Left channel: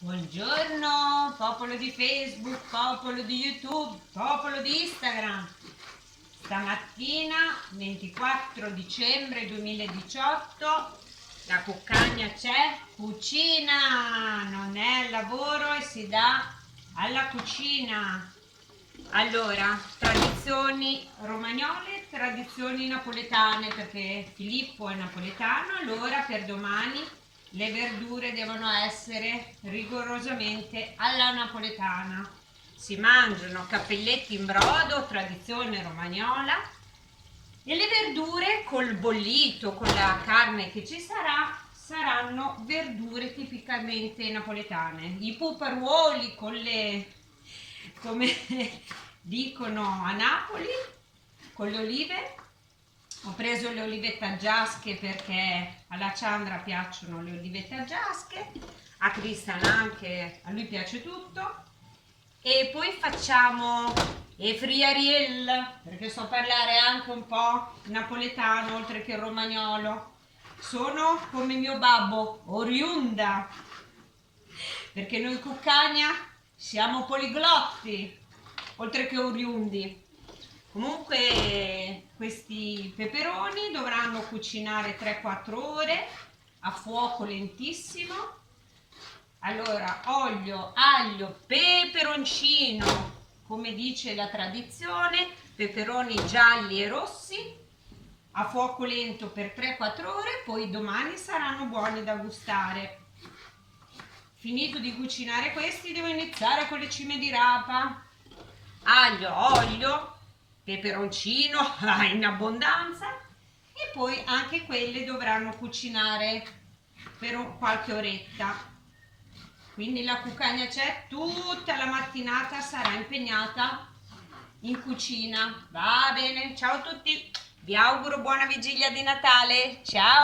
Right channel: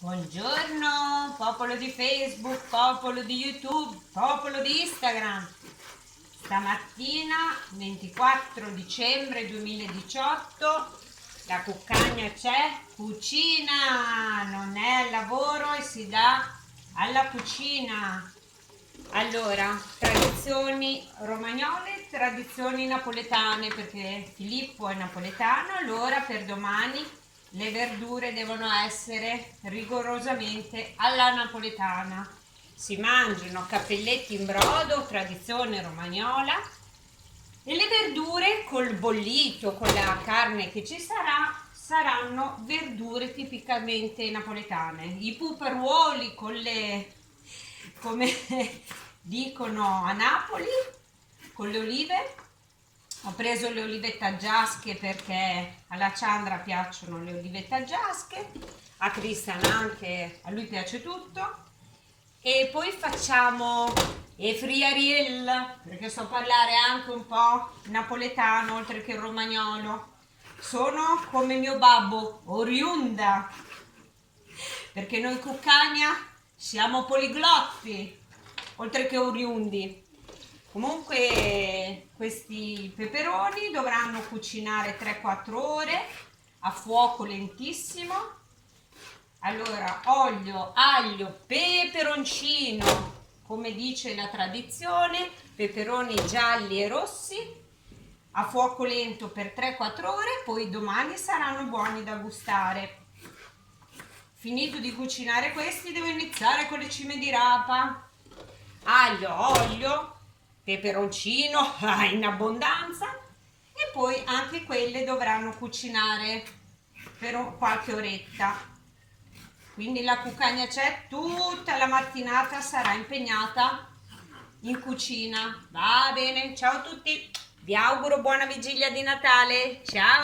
Buongiorno, popolo di Facebook, popolo di YouTube, popolo di Instagram. Stamattina, 24 dicembre 2018, la cuccagna c'è, cucina, non è al lavoro e si dà alla cucina. Allora, tradizioni romagnole, tradizioni napoletane, perché Filippo è napoletano, allora per domani le verdure devono essere rigorosamente alla napoletana. Si mangiano cappelletti in brodo, tradizione romagnola, e le verdure col bollito, con la carne che ci sarà, saranno verdure tipicamente napoletane. I puparuoli con le, come dicono a Napoli, con le olive. Ho preso le olive taggiasche perché alla Ciandra piacciono le olive taggiasche, a Cristian anche, a lui piace tutto. E poi facciamo e friariel, perché so parlare anche un po' napoletano oltre che romagnolo. Sono come mio babbo, oriunda, perché noi Cuccagna siamo poliglotti, oltre che oriundi. Comunque questi peperoni dovranno cucinare 3-4 ore a fuoco lentissimo. Allora, olio, aglio, peperoncino, come dice la tradizione, peperoni gialli e rossi, a fuoco lento per 3-4 ore, poi domani saranno buoni da gustare. Finito di cucinare questi, devo iniziare con le cime di rapa. Aglio, olio, peperoncino in abbondanza, e poi anche quelle dovranno cucinare per qualche oretta. Quindi la cuccagna c'è, tutta la mattinata sarà impegnata in cucina. Va bene, ciao a tutti, vi auguro buona vigilia di Natale, ciao!